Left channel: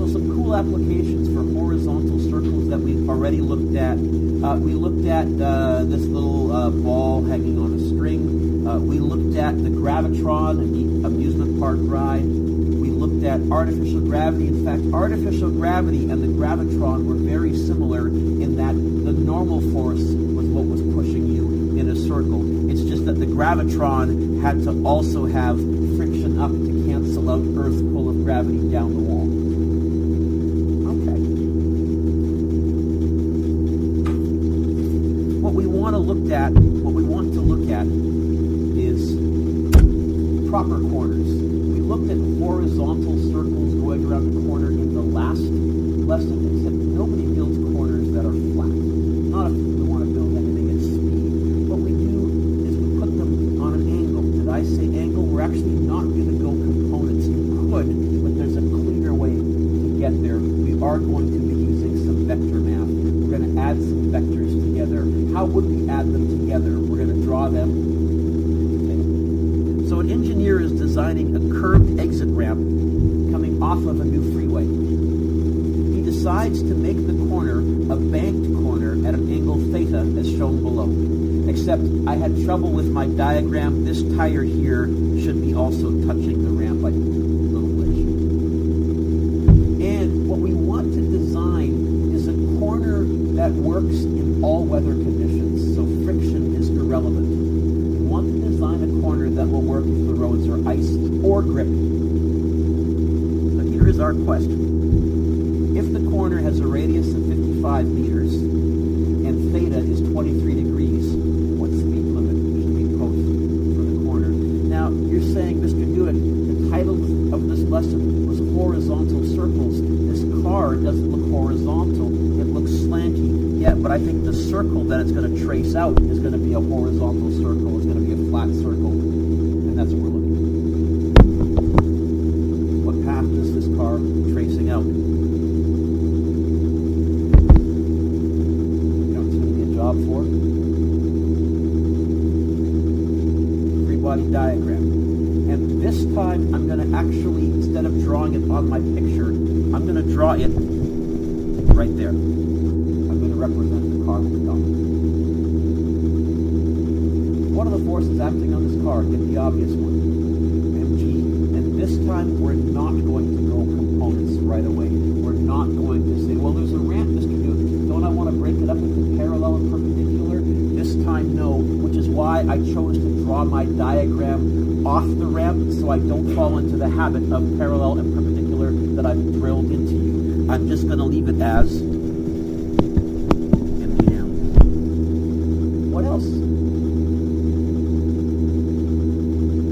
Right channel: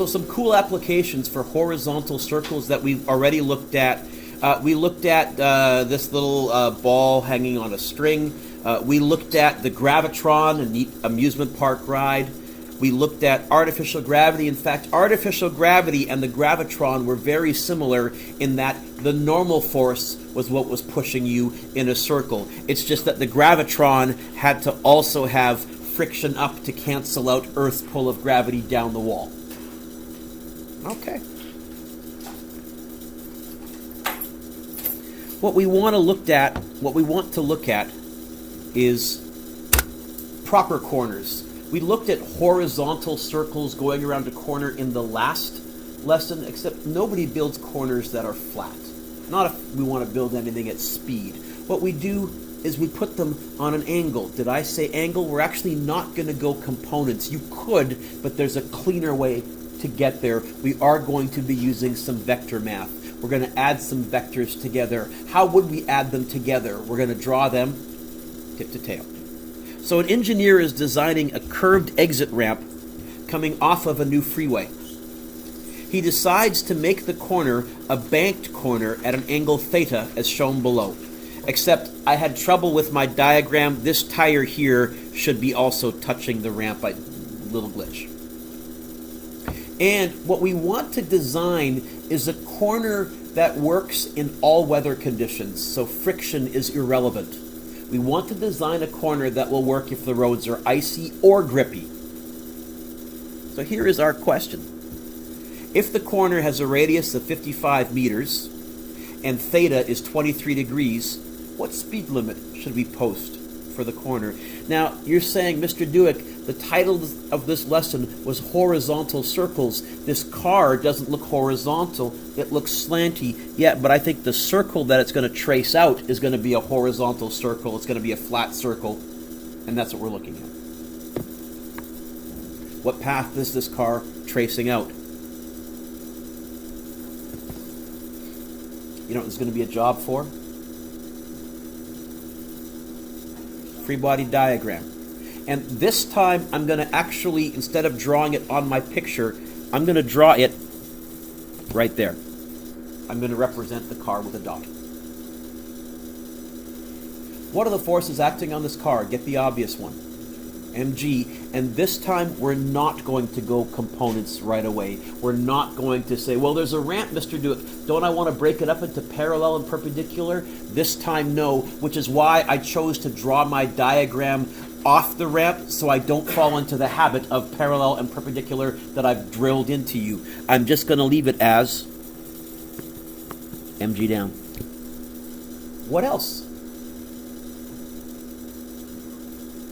So some cool applications for horizontal circles that we've already looked at. We looked at this little ball hanging on a string. We looked at the gravitron and the amusement park ride. We looked at artificial gravity. In fact, artificial gravity and the gravitron were very similar in that the normal force was what was pushing you in a circle. It's just that the gravitron had to also have friction up to cancel out Earth's pull of gravity down the wall. Okay. What we want to look at is proper corners. We looked at horizontal circles going around a corner in the last lesson, except nobody builds corners that are flat. Not if we want to build anything at speed. What we do is we put them on an angle. Did I say angle? We're actually not going to go components. You could, but there's a cleaner way to get there. We are going to be using some vector math. We're going to add some vectors together. How would we add them together? We're going to draw them tip to tail. So an engineer is designing a curved exit ramp coming off of a new freeway. He decides to make the corner a banked corner at an angle theta as shown below. Except I had trouble with my diagram. This tire here should be also touching the ramp. Little glitch. And what we want to design is a corner that works in all weather conditions, so friction is irrelevant. We want to design a corner that will work if the roads are icy or grippy. So here is our question. If the corner has a radius of 55 meters and theta is 23 degrees, what speed limit should we post for the corner? Now, you're saying, Mr. Dewick, the title of this lesson was horizontal circles. This car doesn't look horizontal, it looks slanty. Yeah, but I think the circle that it's going to trace out is going to be a horizontal circle. It's going to be a flat circle, and that's what we're looking at. What path is this car tracing out? You know what it's going to be a job for? Free body diagram. And this time I'm going to actually, instead of drawing it on my picture, I'm going to draw it right there. I'm going to represent the car with a dot. What are the forces acting on this car? Get the obvious one. mg. And this time we're not going to go components right away. We're not going to say, well, there's a ramp, Mr. Dewick. Don't I want to break it up into parallel and perpendicular? This time, no, which is why I chose to draw my diagram off the ramp so I don't fall into the habit of parallel and perpendicular that I've drilled into you. I'm just going to leave it as mg down. What else?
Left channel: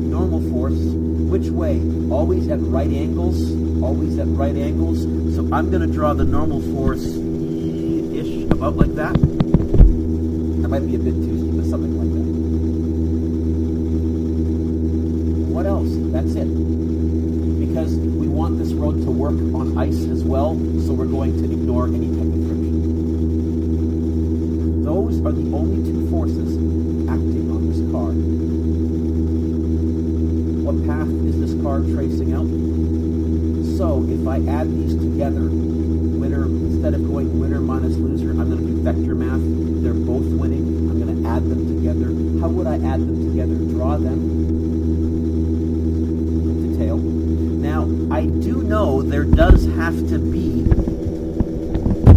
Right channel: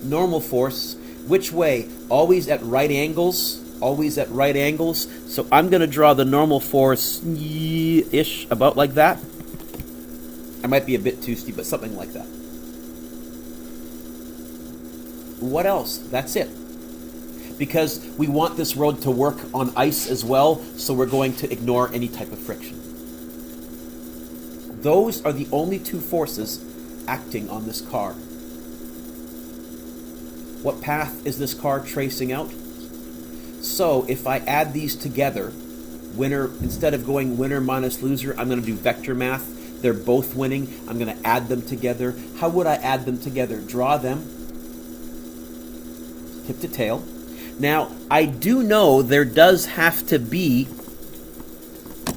Normal force. Which way? Always at right angles. Always at right angles. So I'm going to draw the normal force-ish, about like that. I might be a bit too steep, but something like that. What else? That's it. Because we want this road to work on ice as well, so we're going to ignore any type of friction. Those are the only two forces acting on this car. What path is this car tracing out? So if I add these together, winner, instead of going winner minus loser, I'm going to do vector math. They're both winning. I'm going to add them together. How would I add them together? Draw them. Tip to tail. Now, I do know there does have to be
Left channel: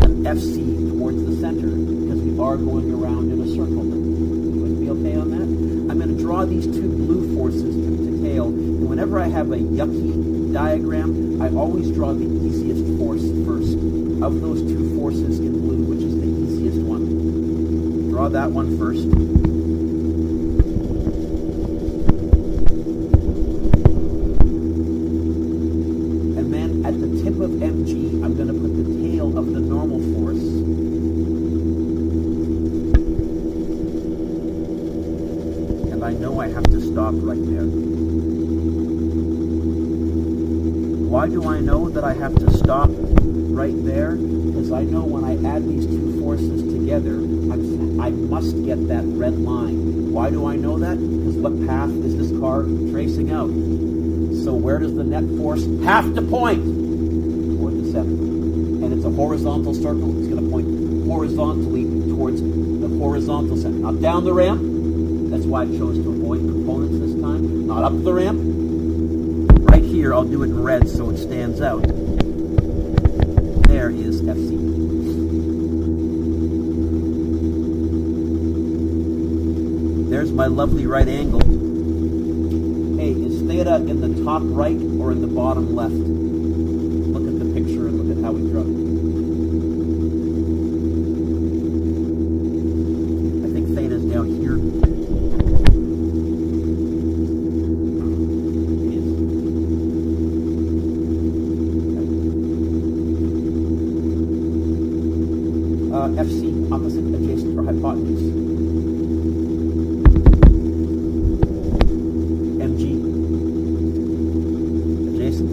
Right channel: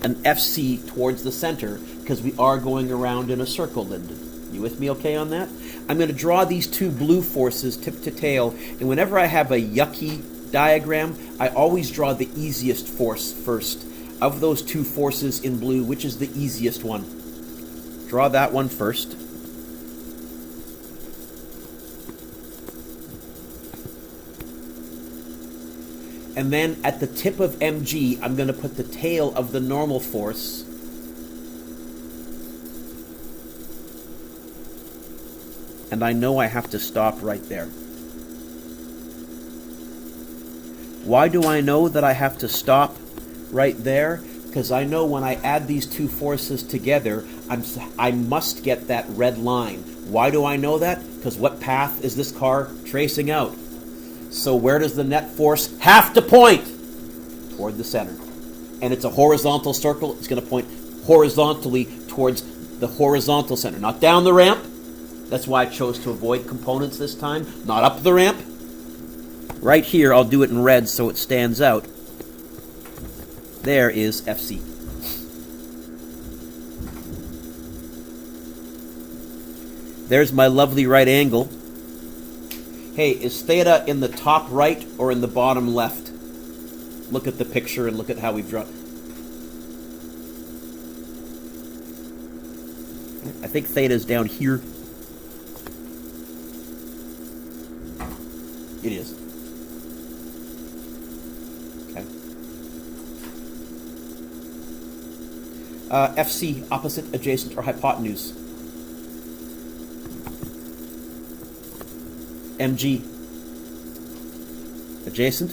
an FC towards the center because we are going around in a circle, Linda. You with me okay on that? I'm going to draw these two blue forces tip to tail, and whenever I have a yucky diagram, I always draw the easiest force first. Of those two forces in blue, which is the easiest one? Draw that one first. And then at the tip of mg, I'm going to put the tail of the normal force. And I know I have to stop right there. Why do I know that I have to stop right there? Because I know when I add these two forces together, I must get that red line. Why do I know that? Because what path is this car tracing out? So where does the net force have to point? toward the center. And it's a horizontal circle. It's going to point horizontally towards the horizontal center, not down the ramp. That's why I chose to avoid components this time, not up the ramp. Right here, I'll do it in red so it stands out. There is FC. There's my lovely right angle. Hey, is theta in the top right or in the bottom left? Look at the picture and look at how we've drawn it. I think theta is down here. It is. Okay. FC, opposite, adjacent, or hypotenuse. MG, adjacent.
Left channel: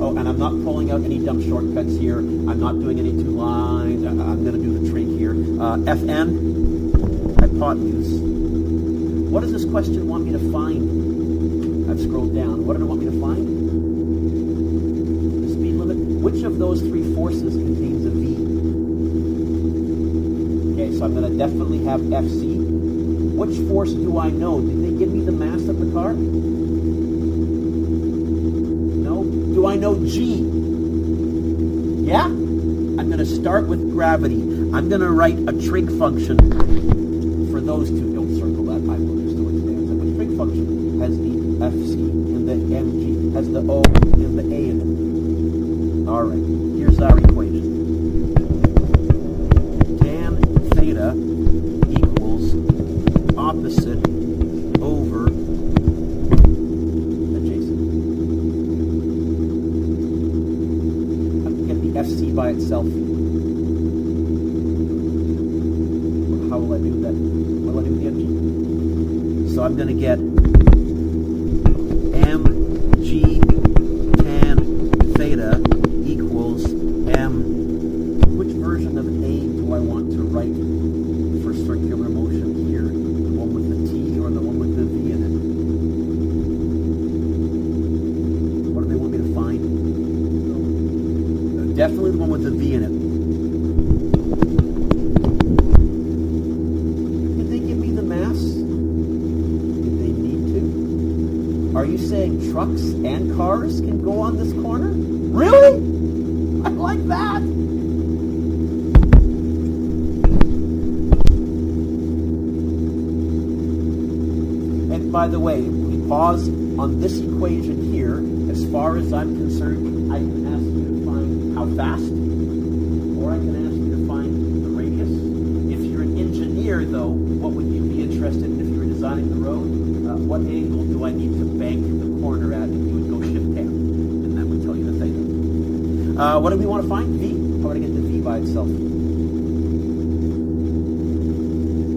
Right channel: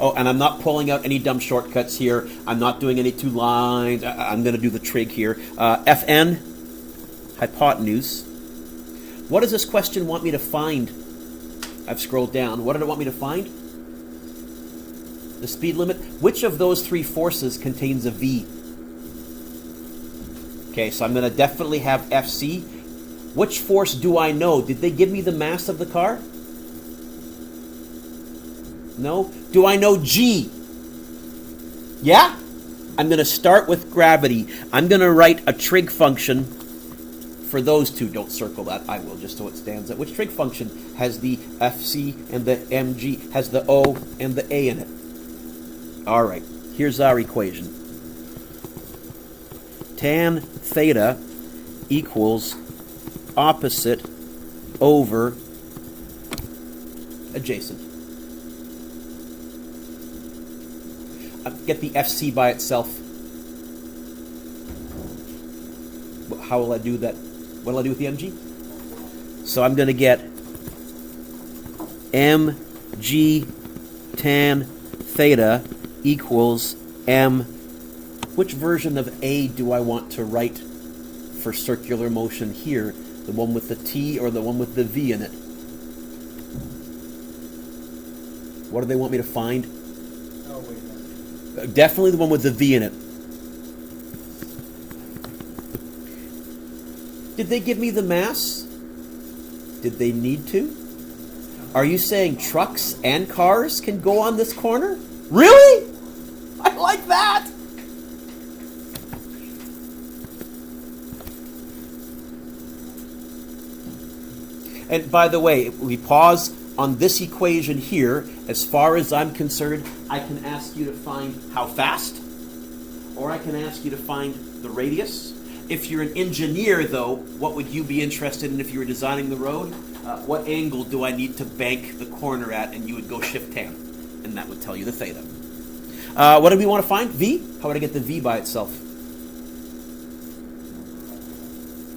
Oh, and I'm not pulling out any dumb shortcuts here. I'm not doing any two lines. I'm going to do the trig here. FN, hypotenuse. What does this question want me to find? I've scrolled down. What did it want me to find? The speed limit. Which of those three forces contains a V? Okay, so I'm going to definitely have FC. Which force do I know? Did they give me the mass of the car? No? Do I know G? Yeah? I'm going to start with gravity. I'm going to write a trig function for those two. Don't circle that. I will, just so it stands out. Which trig function has the FC and the MG, has the O and the A in it? All right. Here's our equation. Tan theta equals opposite over adjacent. Get the FC by itself. How will I do that? What will I do with the MG? So I'm going to get mg tan theta equals m. Which version of A do I want to write for circular motion here? The one with the T or the one with the V in it? What do they want me to find? Definitely the one with the V in it. Did they give me the mass? Did they need to? Are you saying trucks and cars can go on this corner? Really? I like that. And by the way, if we pause on this equation here, as far as I'm concerned, I can ask you to find how fast, or I can ask you to find the radius. If you're an engineer, though, what would you be interested in if you were designing the road? What angle do I need to bank the corner at? And you would go shift tan, and that would tell you the theta. What do we want to find? V? How would I get the V by itself?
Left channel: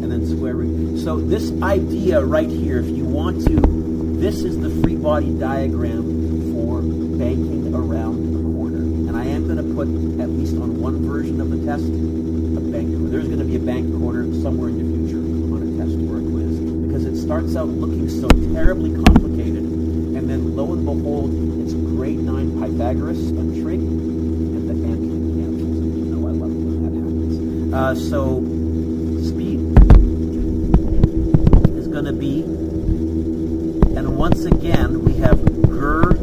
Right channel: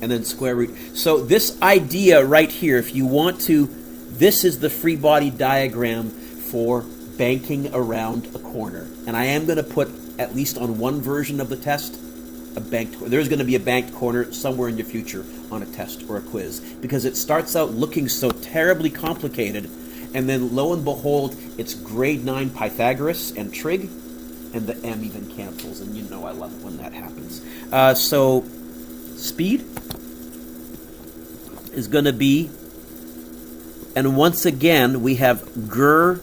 And then square root. So this idea right here, if you want to, this is the free body diagram for banking around a corner. And I am going to put, at least on one version of the test, a banked corner. There's going to be a banked corner somewhere in your future on a test or a quiz, because it starts out looking so terribly complicated, and then lo and behold, it's grade 9 Pythagoras and trig, and the M even cancels, and you know I love it when that happens. So speed is going to be, and once again we have Gur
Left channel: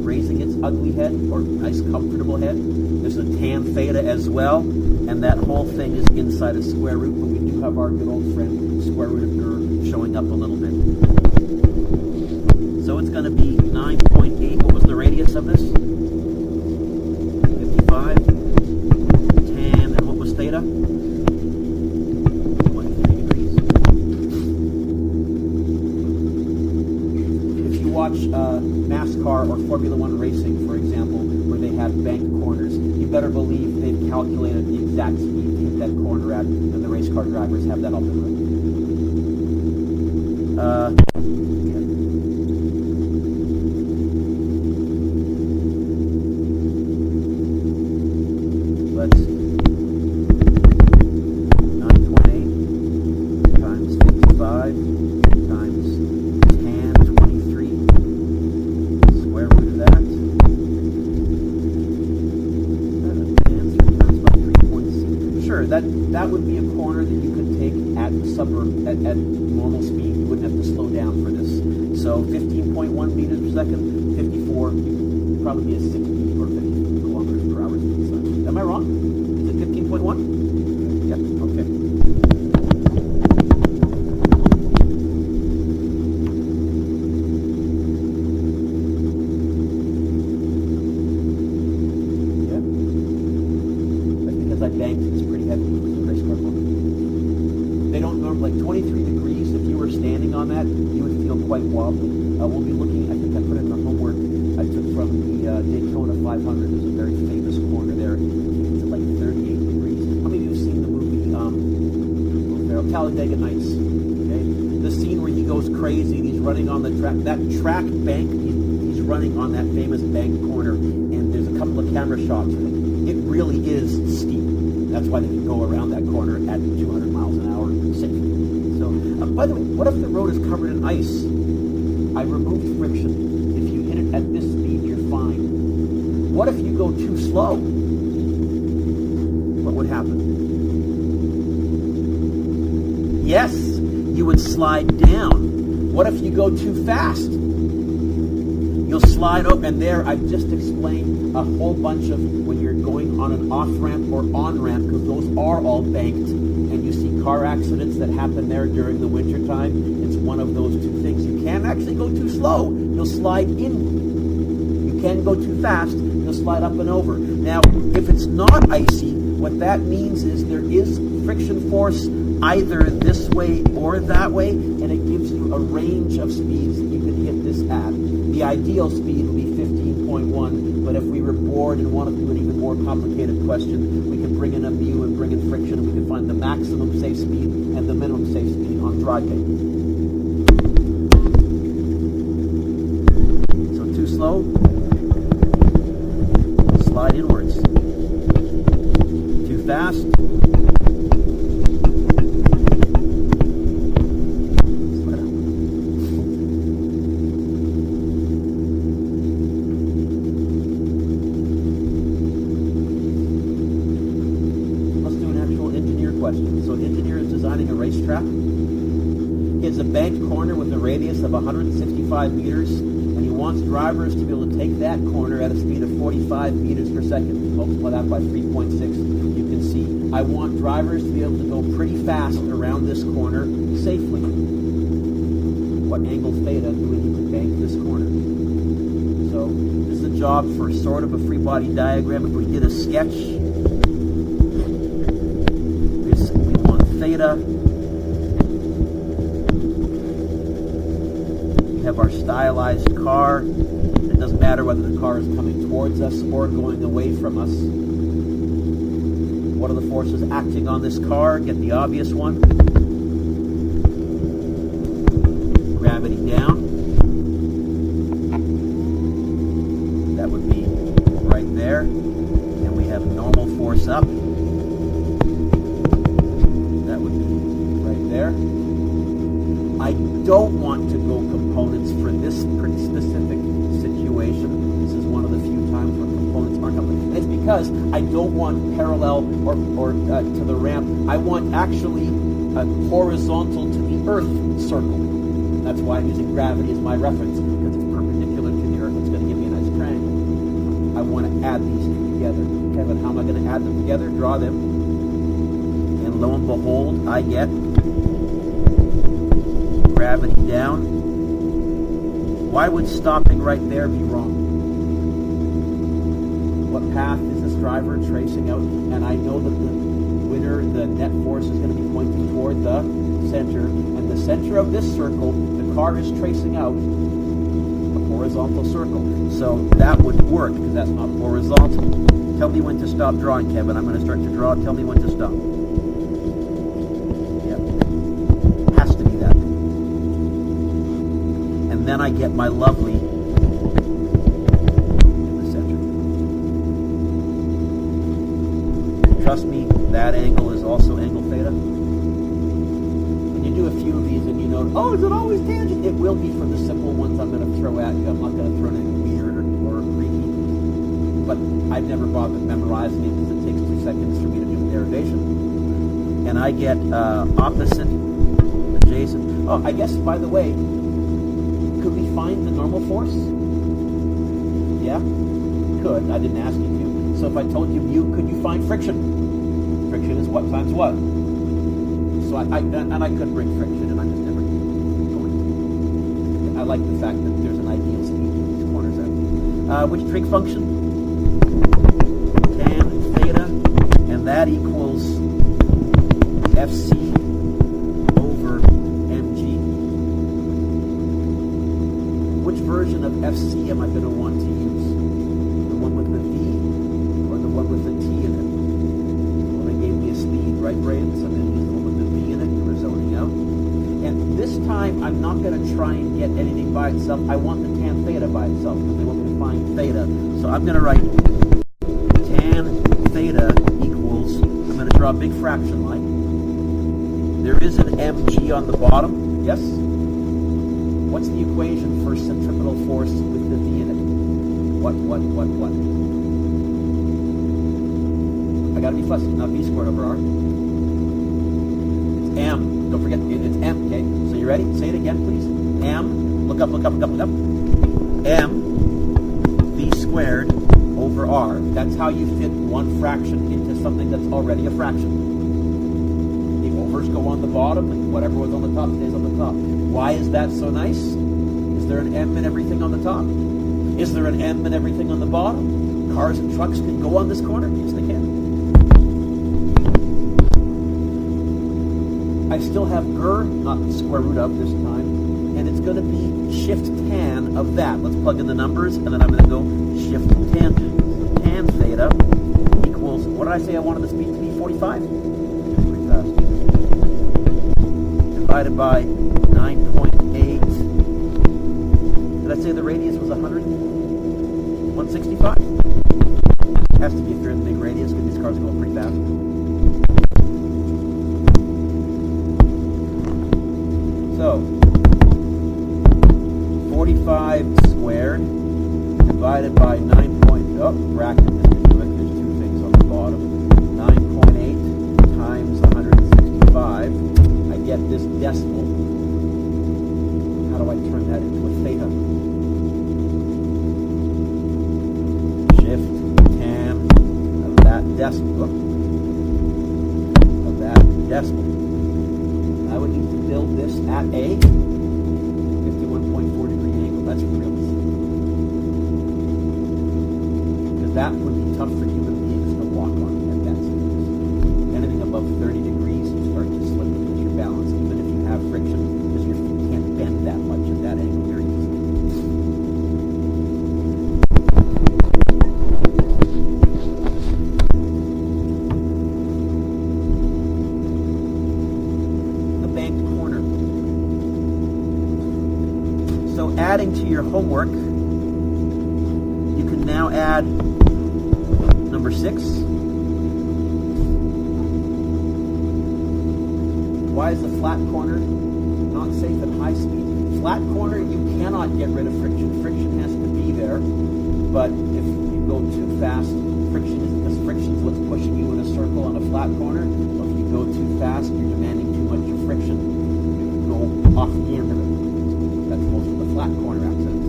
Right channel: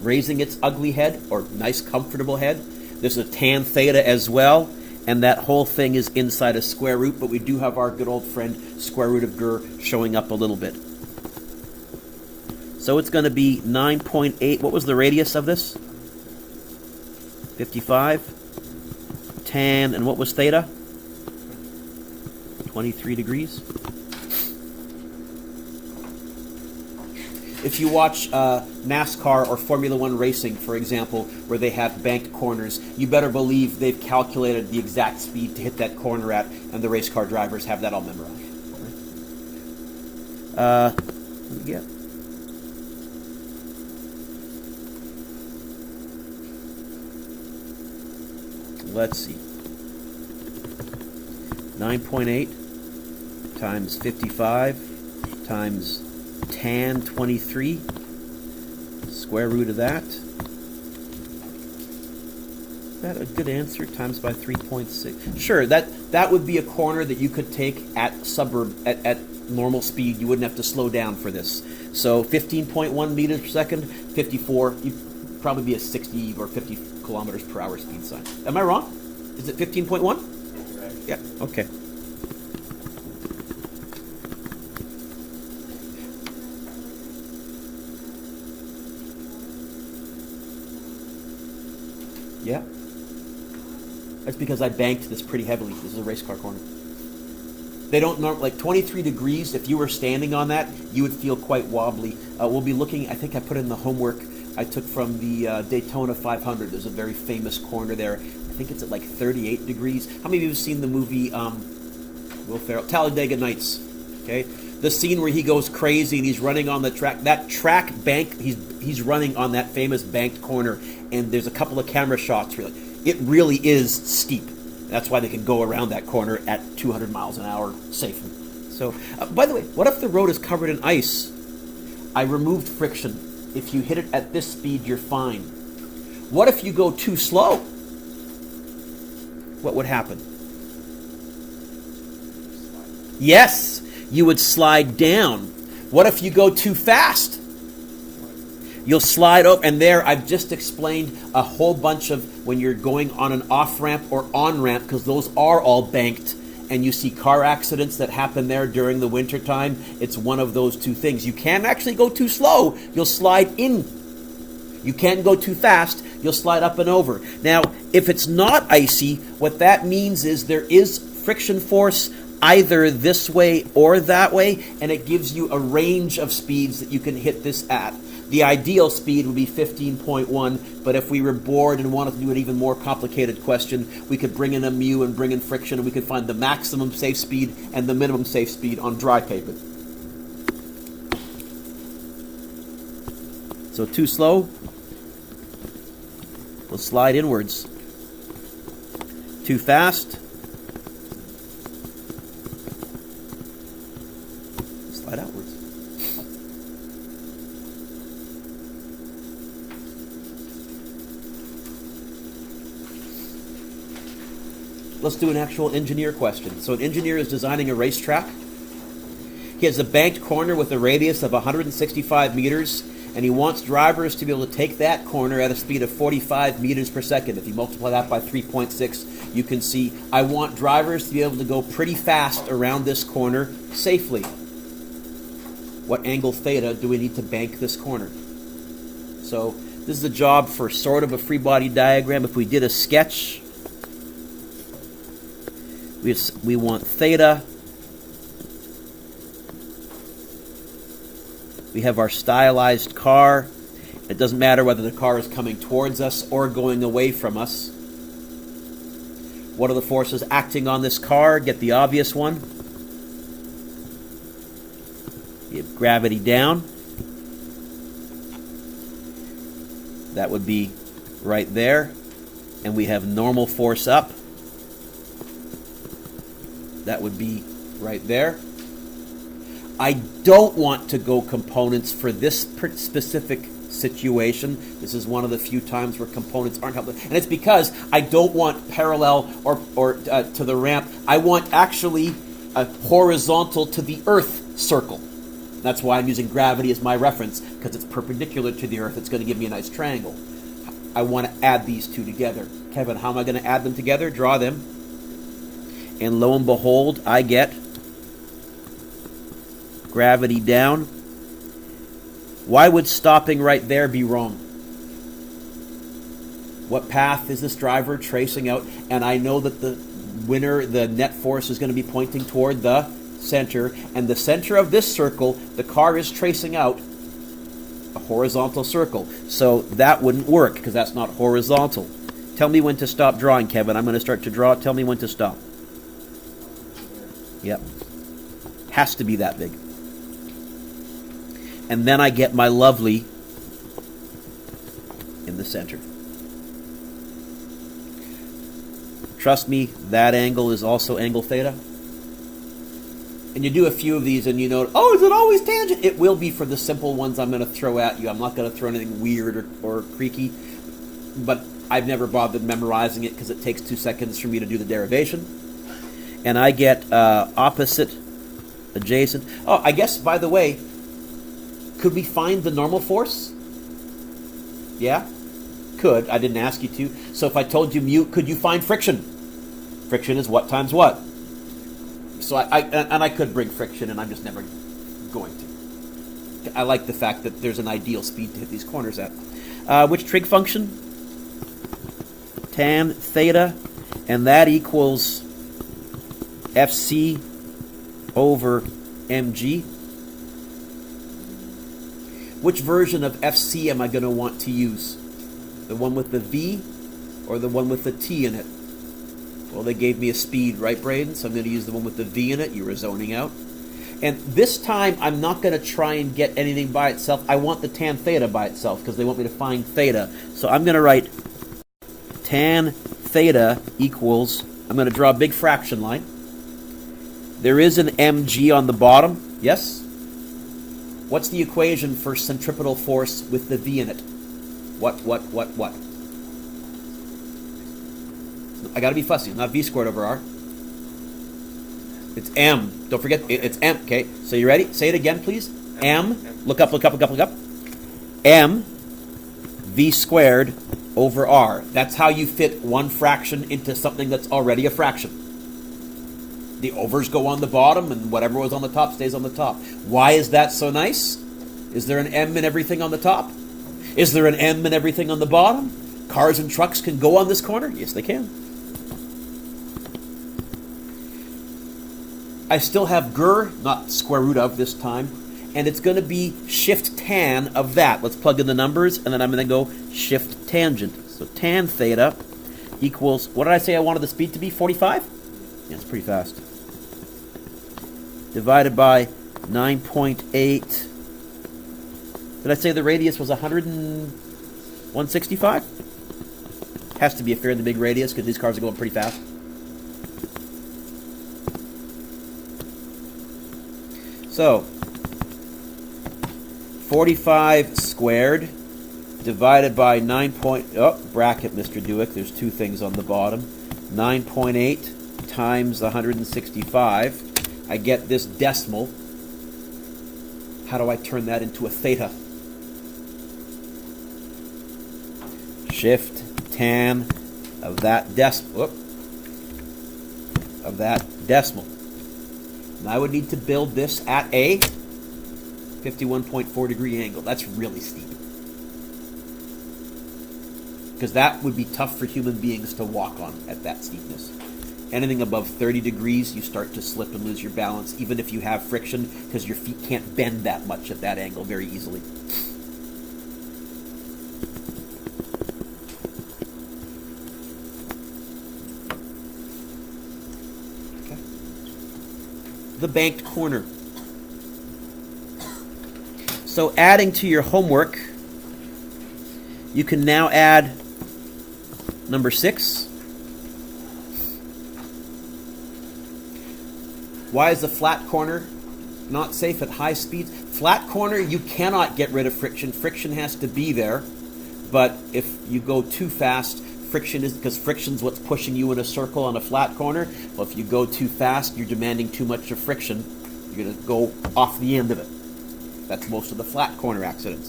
raising its ugly head, or nice comfortable head. There's a tan theta as well, and that whole thing is inside a square root, but we do have our good old friend square root of Gur showing up a little bit. So it's going to be 9.8. What was the radius of this? 55. Tan, and what was theta? 23 degrees. If you watch NASCAR or Formula One racing, for example, where they have banked corners, you better believe they've calculated the exact speed to hit that corner at, and the race car drivers have that all memorized. Yeah. Let's see. 9.8 times 55 times tan 23. Square root of that. sure. That would be a corner that you could take at at normal speed. You wouldn't have to slow down for this. So 15.1 meters per second, 54. You'd probably be a 60 or 50 kilometers per hour speed sign. Am I wrong? Is it 15.1? Yeah. Okay. I banked this pretty heavily. This is a race car corner. They don't normally, like 23 degrees, if you were standing on that, you would feel quite wobbly. We'll be looking, I think I put in the homework I took from the Daytona 500. There's a very famous corner there. I think it's at like 38 degrees. How many of you have seen the movie Will Ferrell, Talladega Nights? Okay, the scene where he goes crazy and he's running on the track. That track bank, he's running on that famous banked corner, and there's a couple of camera shots where it really is steep. That's why they can go around that corner at 200 miles an hour safe. So, by the way, what if the road is covered in ice? I removed friction. If you hit it at this speed, you're fine. What if you go too slow? What would happen? Yes, you would slide down. What if you go too fast? You'll slide over, and there I've just explained a whole bunch of when you're going on an off-ramp or on-ramp, because those are all banked, and you see car accidents that happen there during the winter time. It's one of those two things. You can't actually go too slow, you'll slide in. You can't go too fast, you'll slide up and over. Now, if it's not icy, what that means is there is friction force either this way or that way, and it gives you a range of speeds that you can hit this at. The ideal speed would be 15.1, but if we were bored and wanted to do an even more complicated question, we could bring in a mu and bring in friction, and we could find the maximum safe speed and the minimum safe speed on dry paper. So too slow, we'll slide inwards. Too fast, let's do an actual engineer question. So an engineer is designing a racetrack. He has a banked corner with a radius of 165 meters, and he wants drivers to be able to take that corner at a speed of 45 meters per second. If you multiply that by 3.6, you can see I want drivers to be able to go pretty fast around this corner safely. What angle theta do we need to bank this corner? So this is a job for sort of a free body diagram. If we did a sketch, we want theta. We have our stylized car. It doesn't matter whether the car is coming towards us or going away from us. What are the forces acting on this car? Get the obvious one. Get gravity down. That would be right there. And we have normal force up. That would be right there. I don't want to go components for this specific situation. This is one of the few times where components aren't helpful. And it's because I don't want parallel or to the ramp. I want actually a horizontal to the Earth circle. That's why I'm using gravity as my reference, because it's perpendicular to the Earth. It's going to give me a nice triangle. I want to add these two together. Kevin, how am I going to add them together? Draw them. And lo and behold, I get gravity down. Why would stopping right there be wrong? What path is this driver tracing out? And I know that the net force is going to be pointing toward the center. And the center of this circle, the car is tracing out a horizontal circle. So that wouldn't work because that's not horizontal. Tell me when to stop drawing, Kevin. I'm going to start to draw. Tell me when to stop. Yep. Has to be that big. And then I get my lovely in the center. Trust me, that angle is also angle theta. And you do a few of these and you know, oh, is it always tangent? It will be for the simple ones I'm going to throw at you. I'm not going to throw anything weird or Greeky. But I've never bothered memorizing it because it takes 2 seconds for me to do the derivation. and I get opposite, adjacent. Oh, I guess, by the way, could we find the normal force? Yeah? Could. I didn't ask you to. So if I told you mu, could you find friction? Friction is what times what? So I could bring friction, and I'm just never going to. I like the fact that there's an ideal speed to hit these corners at. Which trig function? Tan theta, and that equals FC over mg. Which version of FC am I going to want to use? The one with the V or the one with the T in it? Well, they gave me a speed, right, Braden? So I'm going to use the one with the V in it. You were zoning out. And this time, I'm not going to try and get anything by itself. I want the tan theta by itself because they want me to find theta. So I'm going to write tan theta equals, I'm going to draw a big fraction line. There is an mg on the bottom, yes? What's the equation for centripetal force with the V in it? What? I gotta be fussy, it's not V squared over R. It's M. Don't forget, it's M, okay? So you ready? Say it again, please. M, look up. M, V squared over R. That's how you fit one fraction into something that's already a fraction. The overs go on the bottom, and whatever was on the top stays on the top. Why is that so nice? Is there an M in everything on the top? Is there an M in everything on the bottom? Cars and trucks can go on this corner? Yes, they can. I still have GER, not square root of this time, and it's going to be shift tan of that. Let's plug in the numbers, and then I'm going to go shift tangent. So tan theta equals, what did I say I wanted the speed to be, 45? Yeah, it's pretty fast. Divided by 9.8. Did I say the radius was 165? Has to be a fairly big radius because these cars are going pretty fast. So, 45 squared divided by 9 bracket, Mr. Newick, there's two things on the bottom. 9.8 times 165. I get this decimal. How do I turn that into a theta? Shift tan of that decimal. I would need to build this at a 51.4 degree angle. That's really steep. Because that would be tough for human beings to walk on at that steepness. Anything above 30 degrees, you start to slip and lose your balance, even if you have friction, because your feet can't bend that much at that angle very easily. Banked corner. So adding to your homework, you can now add number 6. Why is the flat corner not safe at high speed? Flat corner, you cannot get rid of friction. Friction has to be there. But if you go too fast, friction is because friction is what's pushing you in a circle on a flat corner. Well, if you go too fast, you're demanding too much of friction. You're going to go off the end of it. That's most of the flat corner accidents.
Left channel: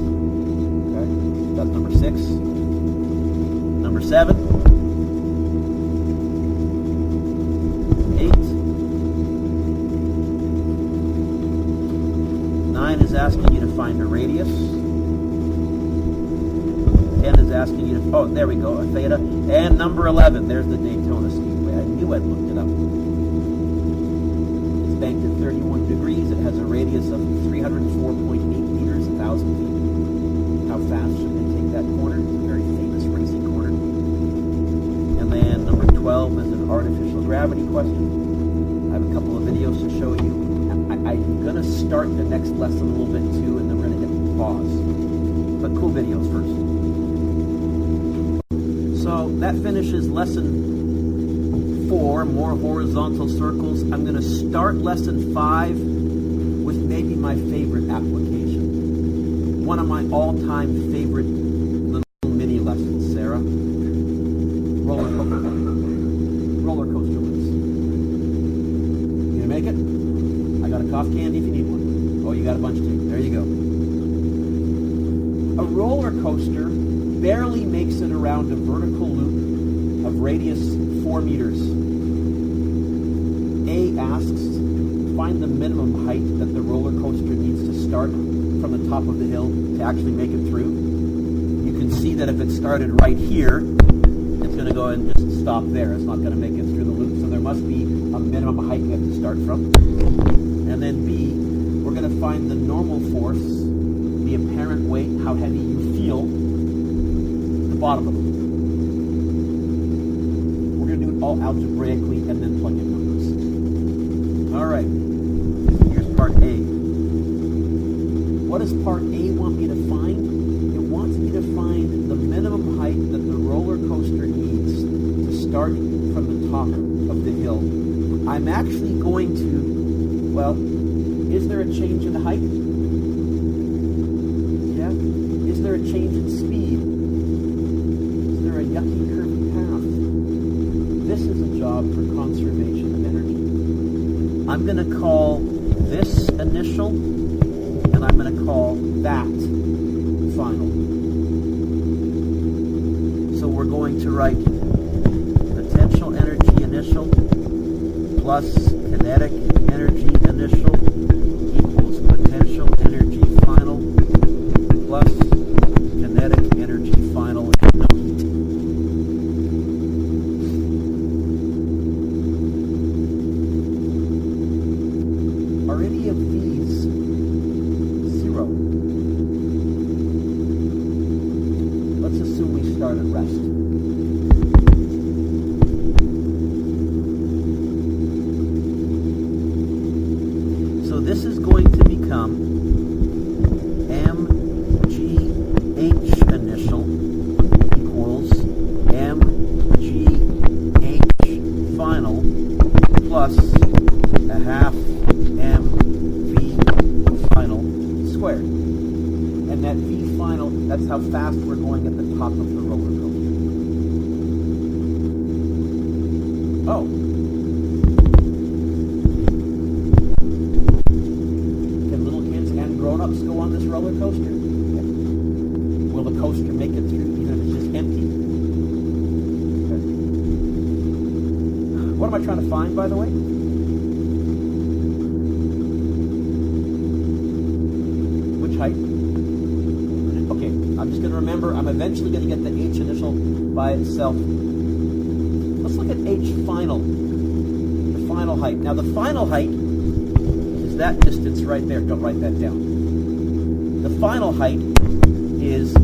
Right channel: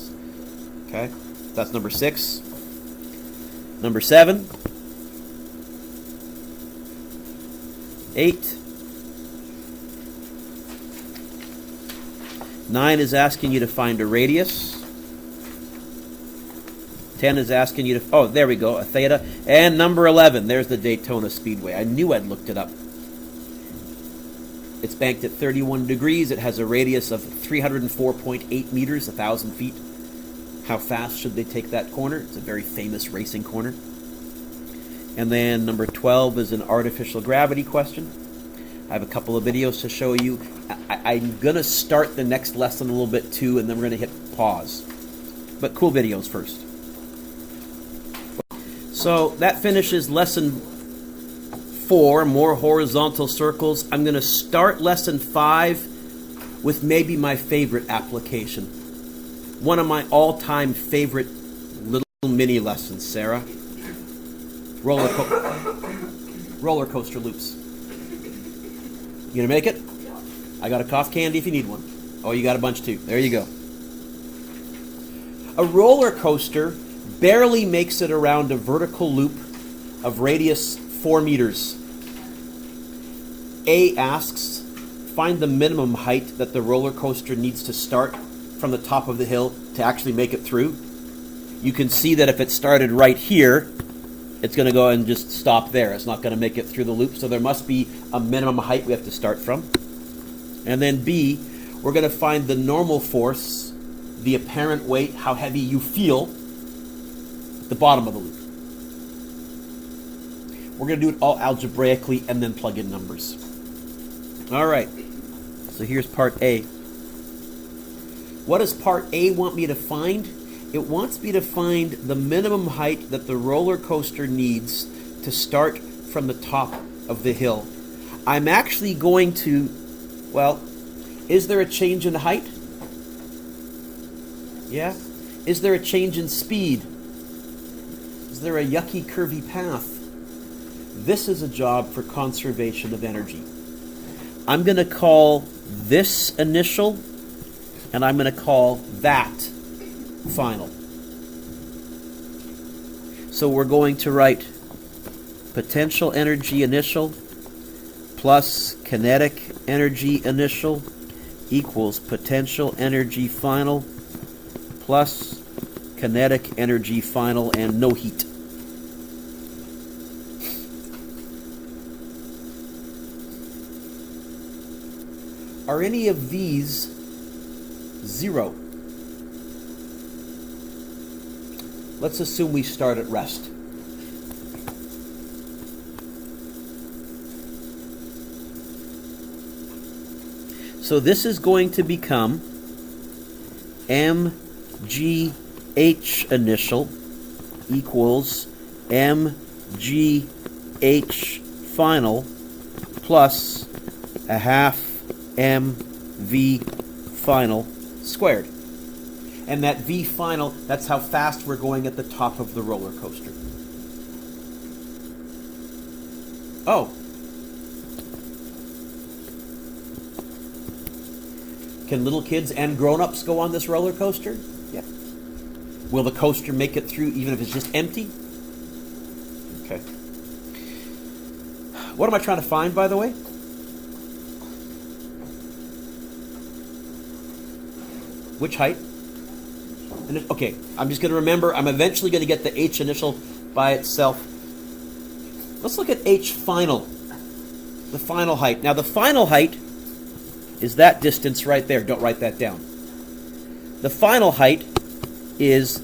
Okay, that's number 6. Number 7, 8, 9 is asking you to find a radius. 10 is asking you to, oh, there we go, a theta. And number 11, there's the Daytona Speedway. I knew I'd looked it up. It's banked at 31 degrees. It has a radius of 304.8 meters, 1,000 feet. How fast should they take that corner? It's a very famous racing corner. And then number 12 is an artificial gravity question. I have a couple of videos to show you. I'm going to start the next lesson a little bit too, and then we're going to hit pause. But cool videos first. So that finishes lesson 4, more horizontal circles. I'm going to start lesson 5 with maybe my favorite application. One of my all-time favorite little mini lessons, Sarah. Roller coaster loops. You gonna make it? I got a cough candy if you need one. Oh, you got a bunch too. There you go. A roller coaster barely makes it around a vertical loop of radius 4 meters. A asks, find the minimum height that the roller coaster needs to start from the top of the hill to actually make it through. You can see that if it started right here, it's going to go and just stop there. It's not going to make it through the loop, so there must be a minimum height we have to start from. And then B, we're going to find the normal force, the apparent weight, how heavy you feel, the bottom of the loop. We're going to do it all algebraically and then plug in numbers. All right, so here's part A. What does part A want me to find? It wants me to find the minimum height that the roller coaster needs to start from the top of the hill. I'm actually going to, well, is there a change in height? Yeah. Is there a change in speed? Is there a yucky, curvy path? This is a job for conservation of energy. I'm going to call this initial, and I'm going to call that final. So we're going to write potential energy initial plus kinetic energy initial equals potential energy final plus kinetic energy final and no heat. Are any of these 0? Let's assume we start at rest. So this is going to become mgh initial equals mgh final plus a half mv final squared. And that V final, that's how fast we're going at the top of the roller coaster. Oh. Can little kids and grown-ups go on this roller coaster? Yeah. Will the coaster make it through even if it's just empty? Okay. What am I trying to find, by the way? Which height? Okay, I'm just going to remember, I'm eventually going to get the H initial by itself. Let's look at H final, the final height. Now the final height is that distance right there. Don't write that down. The final height is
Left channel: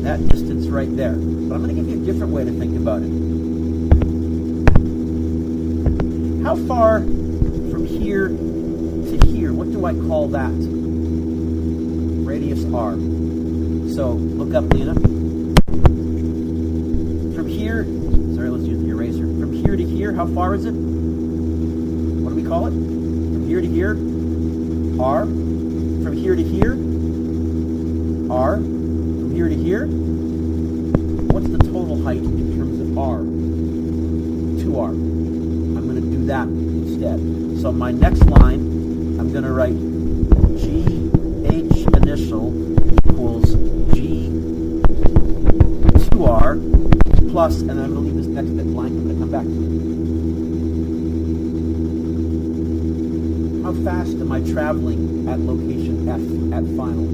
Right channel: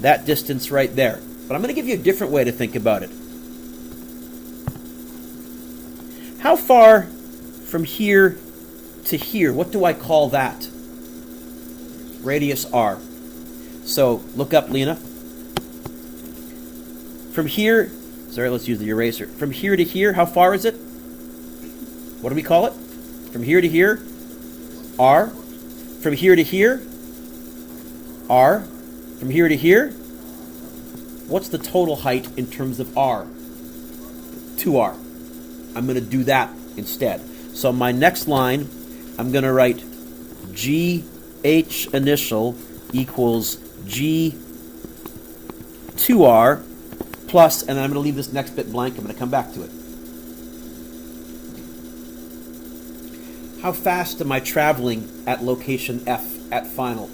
that distance right there. But I'm going to give you a different way to think about it. How far from here to here, what do I call that? Radius R. So look up, Lena. From here, sorry, let's use the eraser. From here to here, how far is it? What do we call it? From here to here, R. From here to here, R. From here to here, what's the total height in terms of R? 2R. I'm going to do that instead. So my next line, I'm going to write GH initial equals G2R plus, and then I'm going to leave this next bit blank. I'm going to come back to it. How fast am I traveling at location F at final?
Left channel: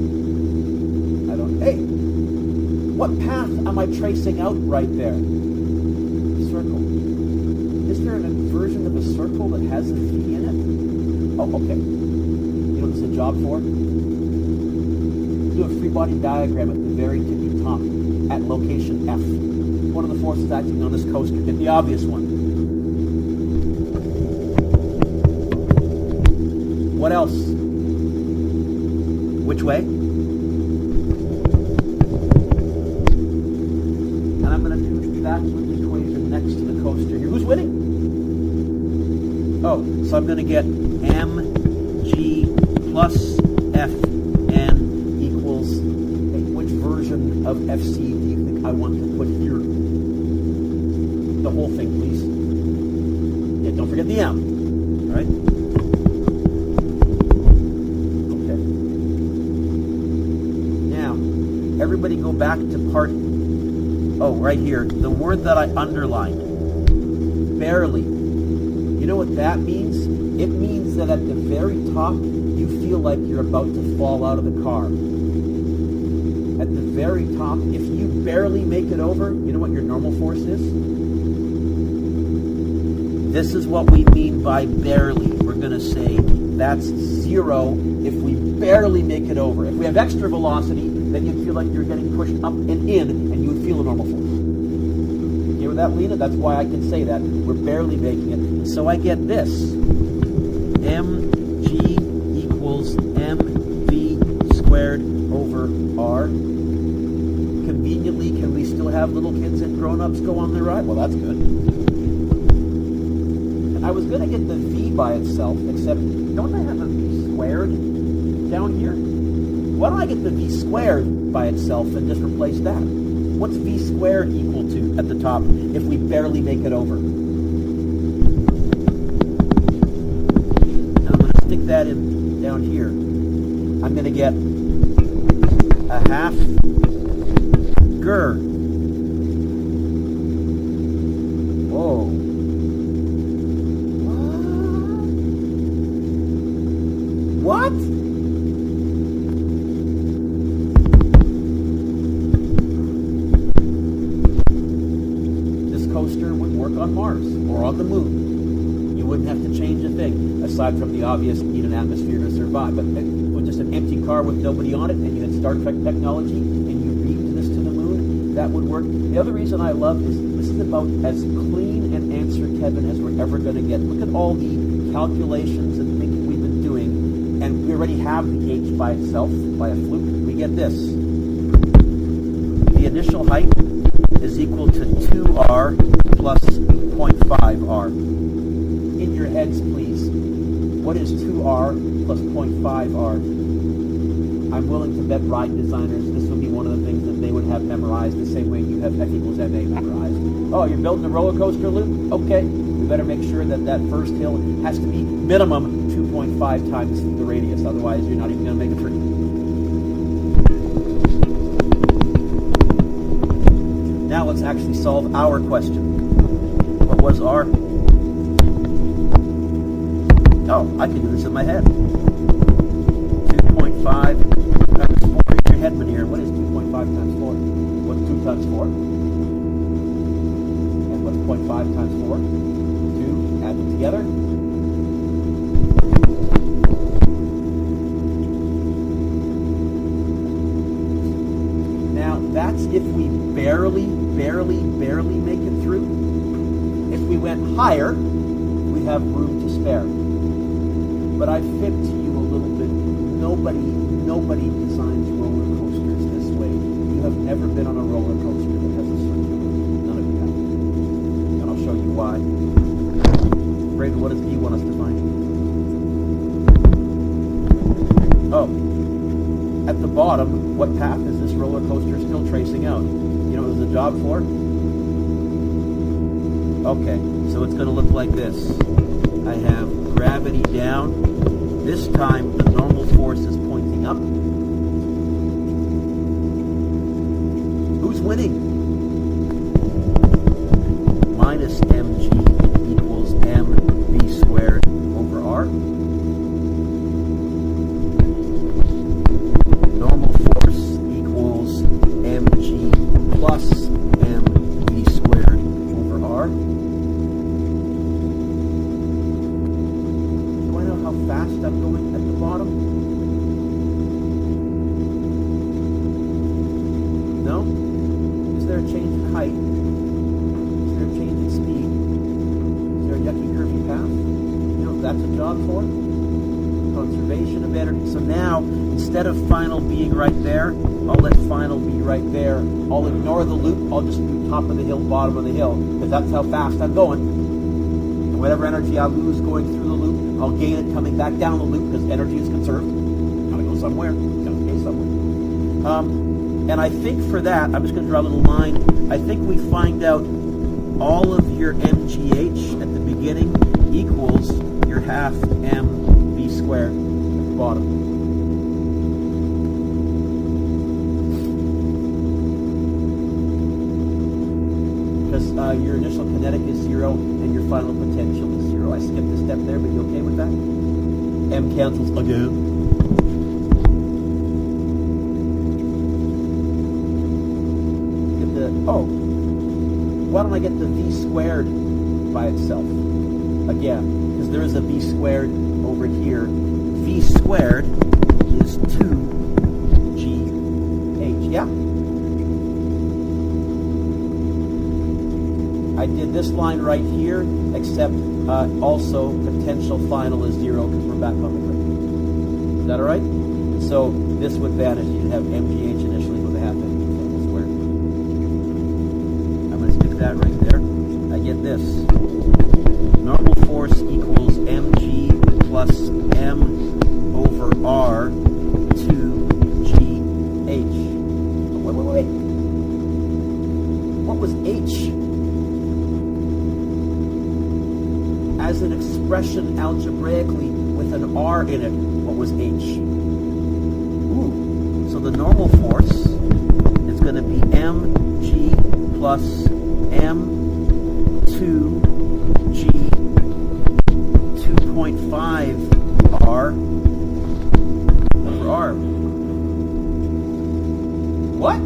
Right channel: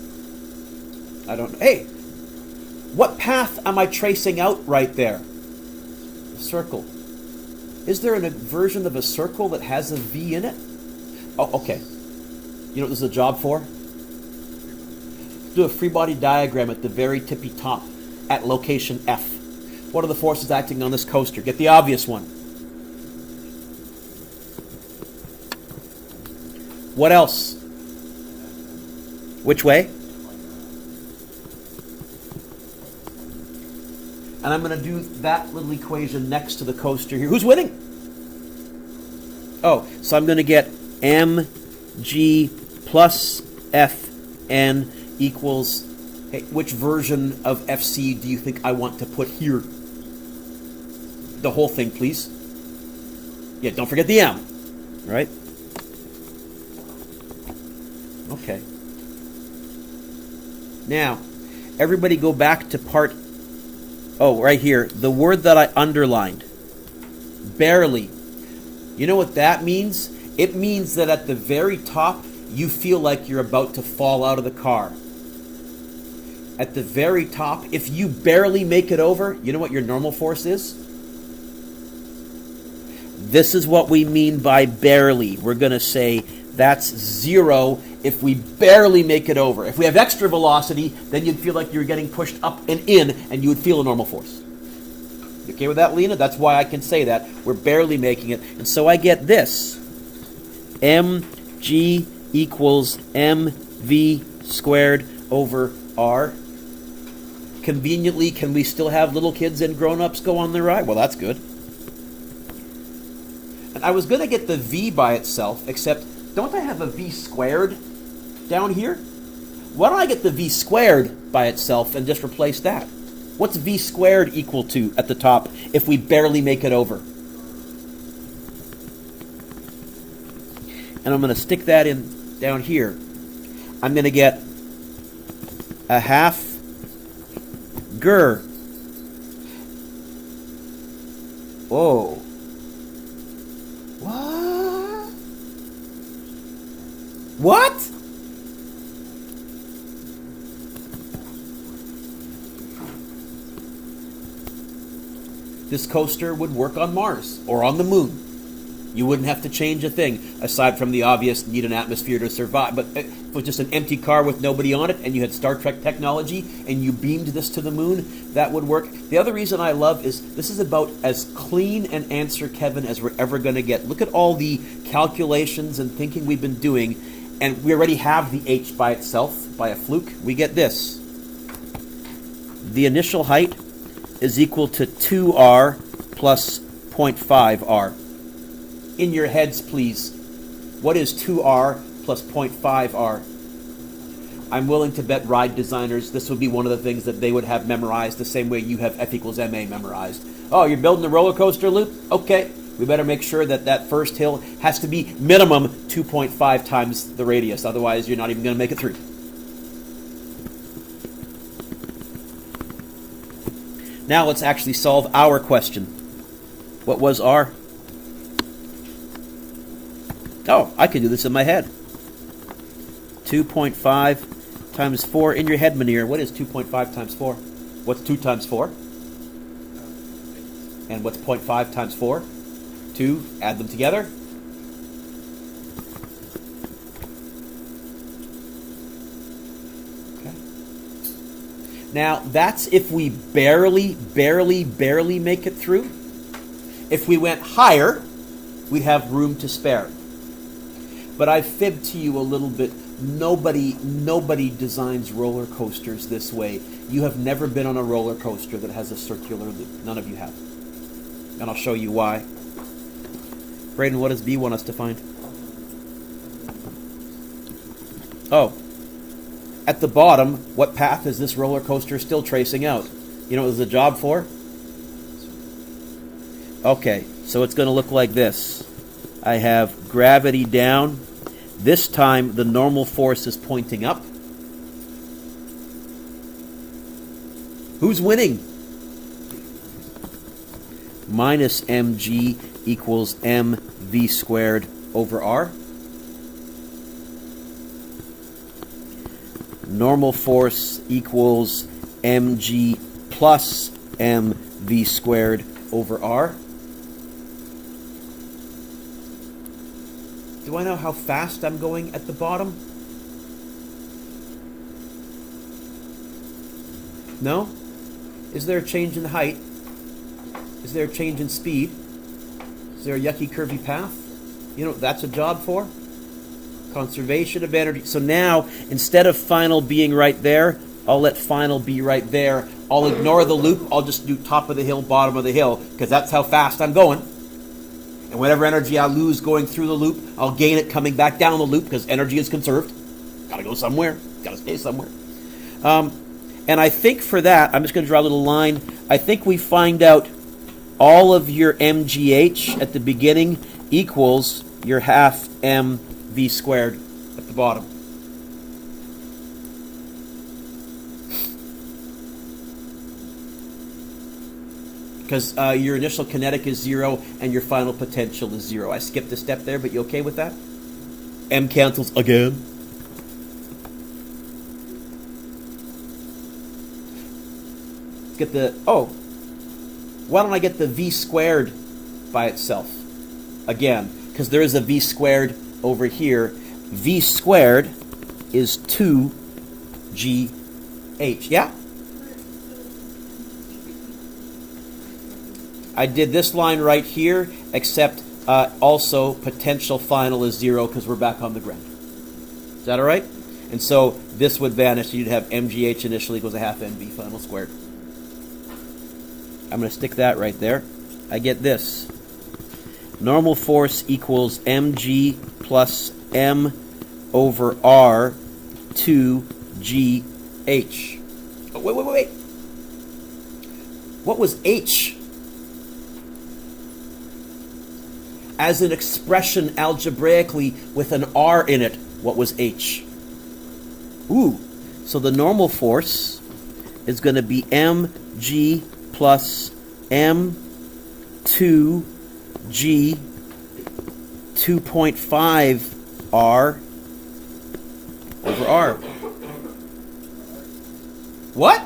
I don't know. Hey, what path am I tracing out right there? Circle. Is there a version of a circle that has a V in it? Oh, okay. You know what this is a job for? Do a free body diagram at the very tippy top at location F. What are the forces acting on this coaster? Get the obvious one. What else? Which way? And I'm going to do that little equation next to the coaster here. Who's winning? Oh, so I'm going to get mg plus fn equals, hey, which version of FC do you think I want to put here? The whole thing, please. Yeah, don't forget the M. right? Okay. Now, everybody go back to part, right here, the word that I underlined, barely. You know what that means? It means that at the very top, you feel like you're about to fall out of the car. At the very top, if you barely make it over, you know what your normal force is? This is what we mean by barely. We're going to say that's 0 if we barely make it over. If we have extra velocity, then you'd feel like you're getting pushed up and in, and you would feel a normal force. You okay with that, Lena? That's why I can say that. We're barely making it. And so I get this. mg equals mv squared over r. Conveniently, can we still have little kids and grown-ups go on the ride? Well, that's good. And I was going to get the v by itself, except don't I have a v squared down here? Why don't I get the v squared by itself and just replace that? What's v squared equal to at the top if we barely make it over? And I'm going to stick that in down here. I'm going to get a half Gur. Whoa. What? This coaster would work on Mars or on the moon. You wouldn't have to change a thing, aside from the obvious need an atmosphere to survive. But if it was just an empty car with nobody on it and you had Star Trek technology and you beamed this to the moon, that would work. The other reason I love is this is about as clean an answer, Kevin, as we're ever going to get. Look at all the calculations and thinking we've been doing, and we already have the h by itself, by a fluke. We get this. The initial height is equal to 2r plus 0.5r. In your heads, please. What is 2r plus 0.5r? I'm willing to bet ride designers, this would be one of the things that they would have memorized the same way you have F equals ma memorized. Oh, you're building a roller coaster loop? Okay. We better make sure that that first hill has to be minimum 2.5 times the radius. Otherwise, you're not even going to make it through. Now let's actually solve our question. What was r? Oh, I could do this in my head. 2.5 times 4 in your head, Manir. What is 2.5 times 4? What's 2 times 4? And what's 0.5 times 4? 2. Add them together. Okay. Now, that's if we barely make it through. If we went higher, we'd have room to spare. But I fibbed to you a little bit. Nobody designs roller coasters this way. You have never been on a roller coaster that has a circular loop. None of you have. And I'll show you why. Brayden, what does B want us to find? Oh. At the bottom, what path is this roller coaster still tracing out? You know what it was the job for? Okay, so it's going to look like this. I have gravity down. This time, the normal force is pointing up. Who's winning? Minus mg equals mv squared over r. Normal force equals mg plus mv squared over r. Do I know how fast I'm going at the bottom? No? Is there a change in height? Is there a change in speed? Is there a yucky curvy path? You know what that's a job for? Conservation of energy. So now, instead of final being right there, I'll let final be right there. I'll ignore the loop. I'll just do top of the hill, bottom of the hill, because that's how fast I'm going. And whatever energy I lose going through the loop, I'll gain it coming back down the loop, because energy is conserved. Gotta go somewhere. Gotta stay somewhere. And I think for that, I'm just going to draw a little line. I think we find out all of your MGH at the beginning equals your half mv squared at the bottom. Because your initial kinetic is 0 and your final potential is 0. I skipped a step there, but you okay with that? M cancels again. Let's get the, why don't I get the v squared by itself? Again, because there is a v squared over here. V squared is 2gh. Yeah? I did this line right here, except also potential final is 0 because we're back on the ground. Is that all right? And so this would vanish. You'd have mgh initially equals a half mv final squared. I'm going to stick that right there. I get this. Normal force equals mg plus m over r 2gh. Oh, wait. What was h? As an expression algebraically with an r in it, what was h? Ooh, so the normal force is going to be mg plus m2g 2.5 r over r. What?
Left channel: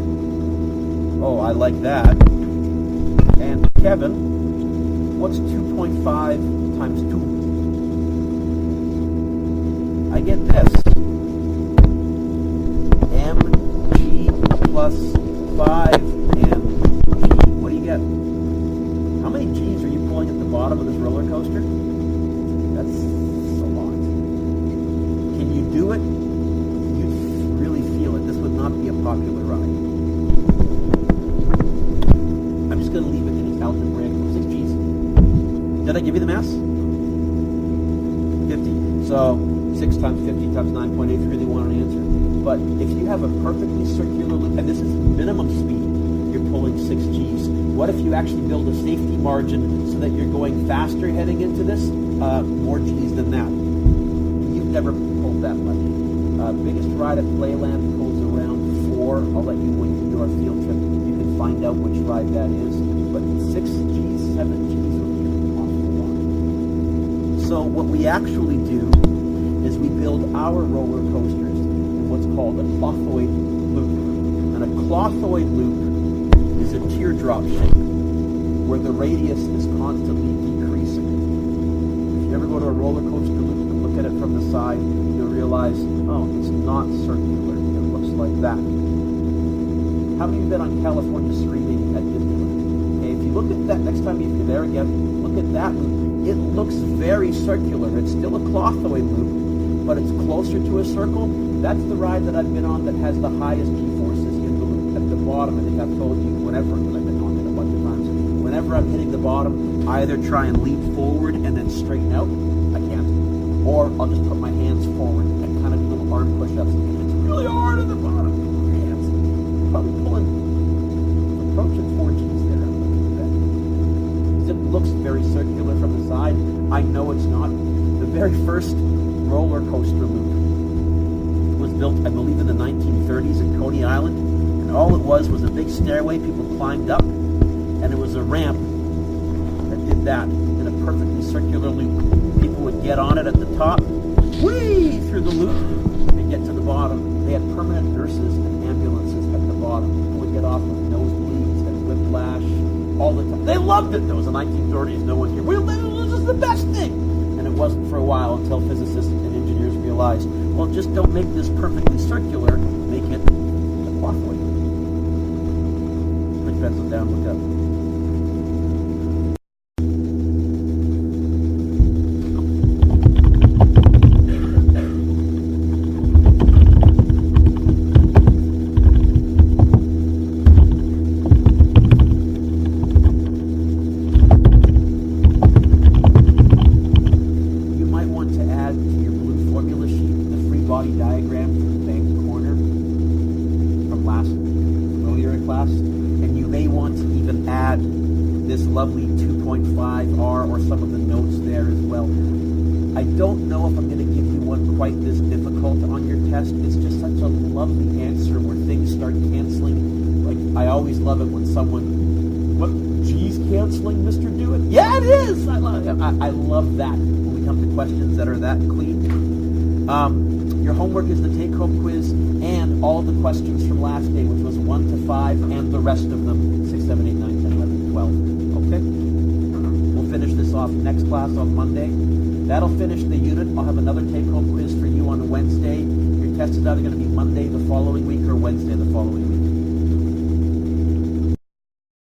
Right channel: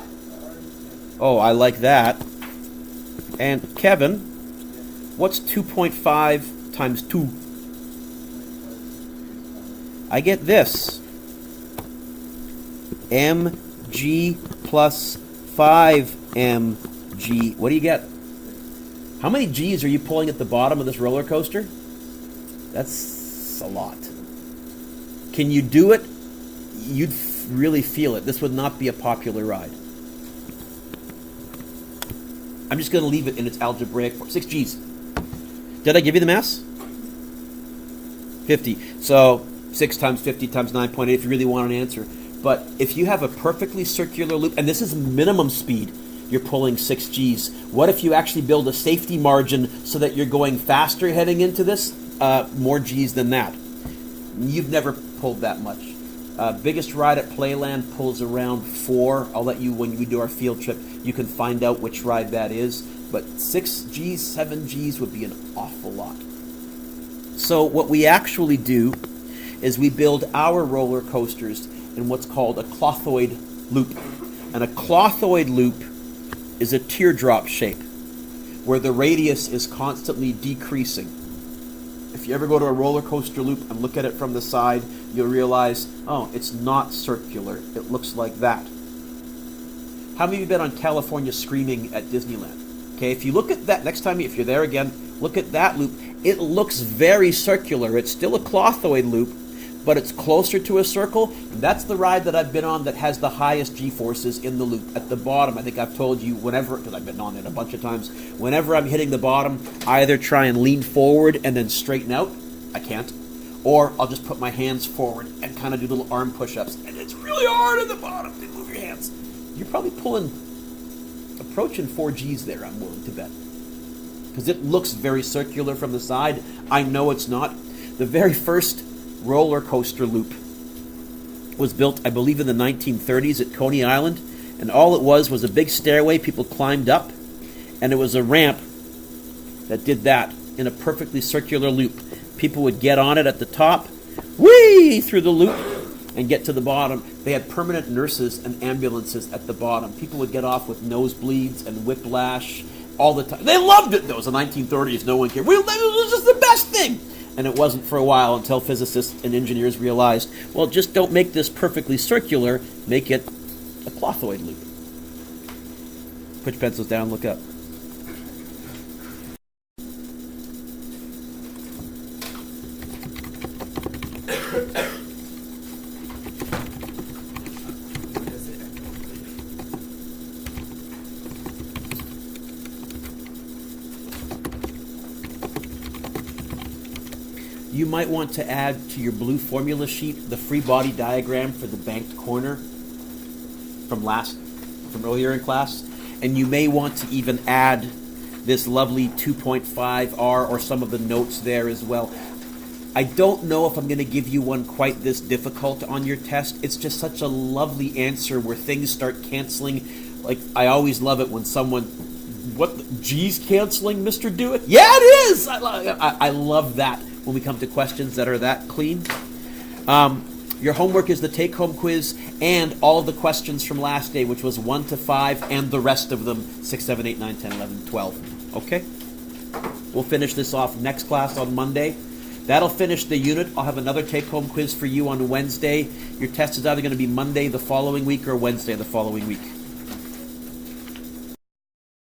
Oh, I like that. And Kevin, what's 2.5 times 2? I get this. mg plus 5mg. What do you get? How many g's are you pulling at the bottom of this roller coaster? That's a lot. Can you do it? You'd really feel it. This would not be a popular ride. I'm just going to leave it in its algebraic form. 6 g's. Did I give you the mass? 50. So 6 times 50 times 9.8 if you really want an answer. But if you have a perfectly circular loop, and this is minimum speed, you're pulling 6 Gs. What if you actually build a safety margin so that you're going faster heading into this? More Gs than that. You've never pulled that much. Biggest ride at Playland pulls around 4. I'll let you, when we do our field trip, you can find out which ride that is. But 6 Gs, 7 Gs would be an awful lot. So what we actually do is we build our roller coasters in what's called a clothoid loop. And a clothoid loop is a teardrop shape where the radius is constantly decreasing. If you ever go to a roller coaster loop and look at it from the side, you'll realize, oh, it's not circular. It looks like that. How many of you been on California Screaming at Disneyland? Okay, if you look at that next time, if you're there again, look at that loop. It looks very circular. It's still a clothoid loop, but it's closer to a circle. That's the ride that I've been on that has the highest G-forces in the loop. At the bottom, I think I've told you whenever, because I've been on it a bunch of times, whenever I'm hitting the bottom, I either try and lean forward and then straighten out. I can't. Or I'll just put my hands forward and kind of do little arm push-ups. And it's really hard at the bottom to move your hands. You're probably approaching 4 Gs there, I'm willing to bet. Because it looks very circular from the side. I know it's not. The very first roller coaster loop was built, I believe, in the 1930s at Coney Island, and all it was a big stairway people climbed up, and it was a ramp that did that in a perfectly circular loop. People would get on it at the top, whee, through the loop, and get to the bottom. They had permanent nurses and ambulances at the bottom. People would get off with nosebleeds and whiplash all the time. They loved it, though. It was the 1930s. No one cared. It was just the best thing. And it wasn't for a while until physicists and engineers realized, well, just don't make this perfectly circular, make it a clothoid loop. Put your pencils down, look up. To add to your blue formula sheet the free body diagram for the banked corner from earlier in class, and you may want to even add this lovely 2.5R or some of the notes there as well. I don't know if I'm going to give you one quite this difficult on your test. It's just such a lovely answer where things start canceling. Like, I always love it when someone, what, G's canceling, Mr. Do It? Yeah, it is! I love that when we come to questions that are that clean. Your homework is the take-home quiz and all the questions from last day, which was 1 to 5, and the rest of them, 6, 7, 8, 9, 10, 11, 12. Okay? We'll finish this off next class on Monday. That'll finish the unit. I'll have another take-home quiz for you on Wednesday. Your test is either going to be Monday the following week or Wednesday the following week.